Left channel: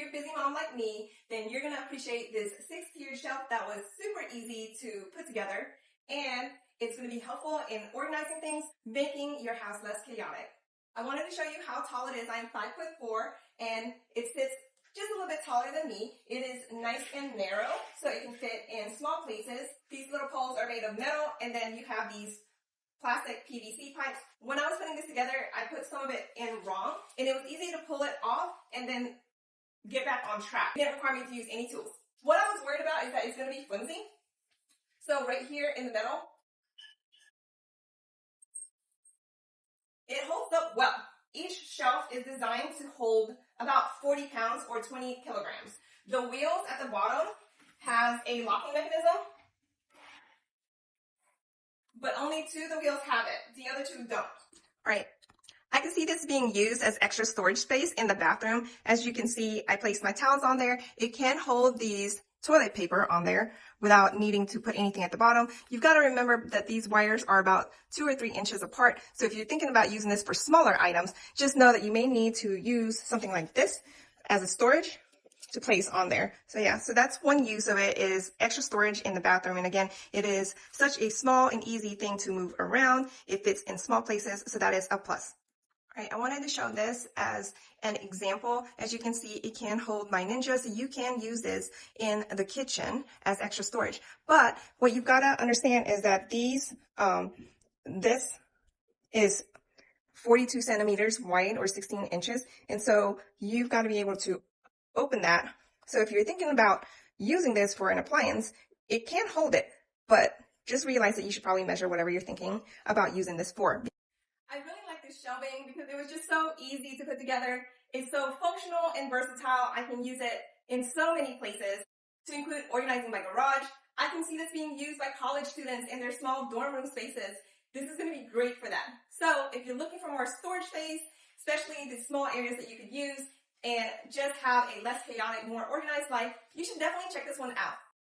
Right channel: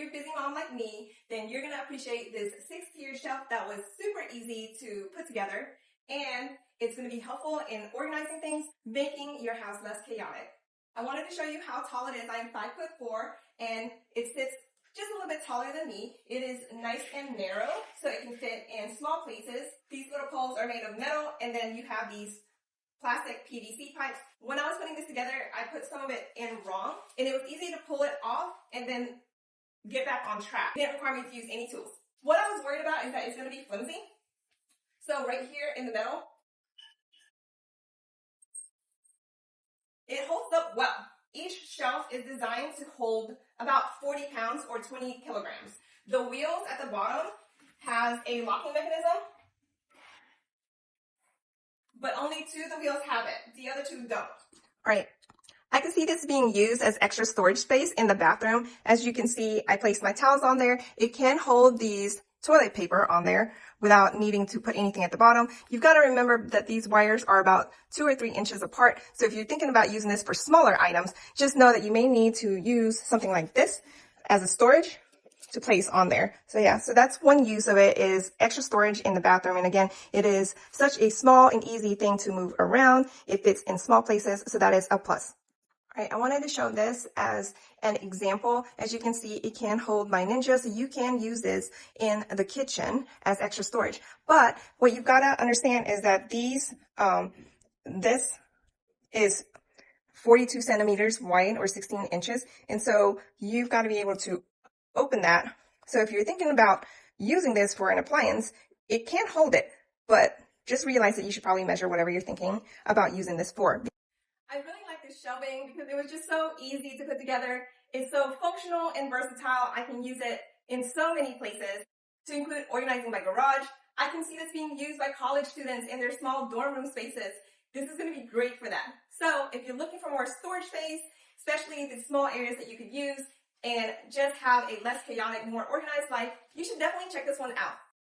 you're a busy mom like me, then you're gonna appreciate this 6-tier shelf that was super easy to put together, and it's gonna be helpful in organizing things, making your house less chaotic. I wanted to show you how tall it is. I'm 5'4", and it sits just a little bit taller than me. It is nice and narrow, so it can fit in small places. These little poles are made of metal, and then you have these plastic PVC pipes. When I was putting this together, I put some of it in wrong, and it was easy to pull it off and then get back on track. It didn't require me to use any tools. What I was worried about is that it's going to be flimsy. So right here in the middle, it holds up well. Each shelf is designed to hold about 40 pounds or 20 kilograms. The wheels at the bottom has a locking mechanism, but only 2 of the wheels have it. The other 2 don't. All right. I can see this being used as extra storage space in the bathroom. As you can see, I placed my towels on there. It can hold these toilet paper on there without needing to put anything at the bottom. You've got to remember that these wires are about 2 or 3 inches apart. So if you're thinking about using this for smaller items, just know that you may need to use something like this as a storage to place on there. So yeah, so that's one use of it, is extra storage in the bathroom. And again, it is such a small and easy thing to move around. It fits in small places, so that is a plus. All right, I wanted to show this as an example. As you can see, it can hold my Ninja, so you can use this in the kitchen as extra storage. But what you've got to understand is that these, this is 42 centimeters wide or 16 inches. And so you've got to be able to open that. So if you're thinking about using this for an appliance, it can hold it, but just realize that you should probably measure whatever you're thinking about using this for. I really like this shelving because it was just so easy to put together. It's so functional and versatile. I can use it in so many places, to include organizing my garage. I can see this being used by college students in their small dorm room spaces. This is going to be great for them. So if you're looking for more storage space, especially the small areas that you could use, and just have a less chaotic, more organized life, you should definitely check this one out.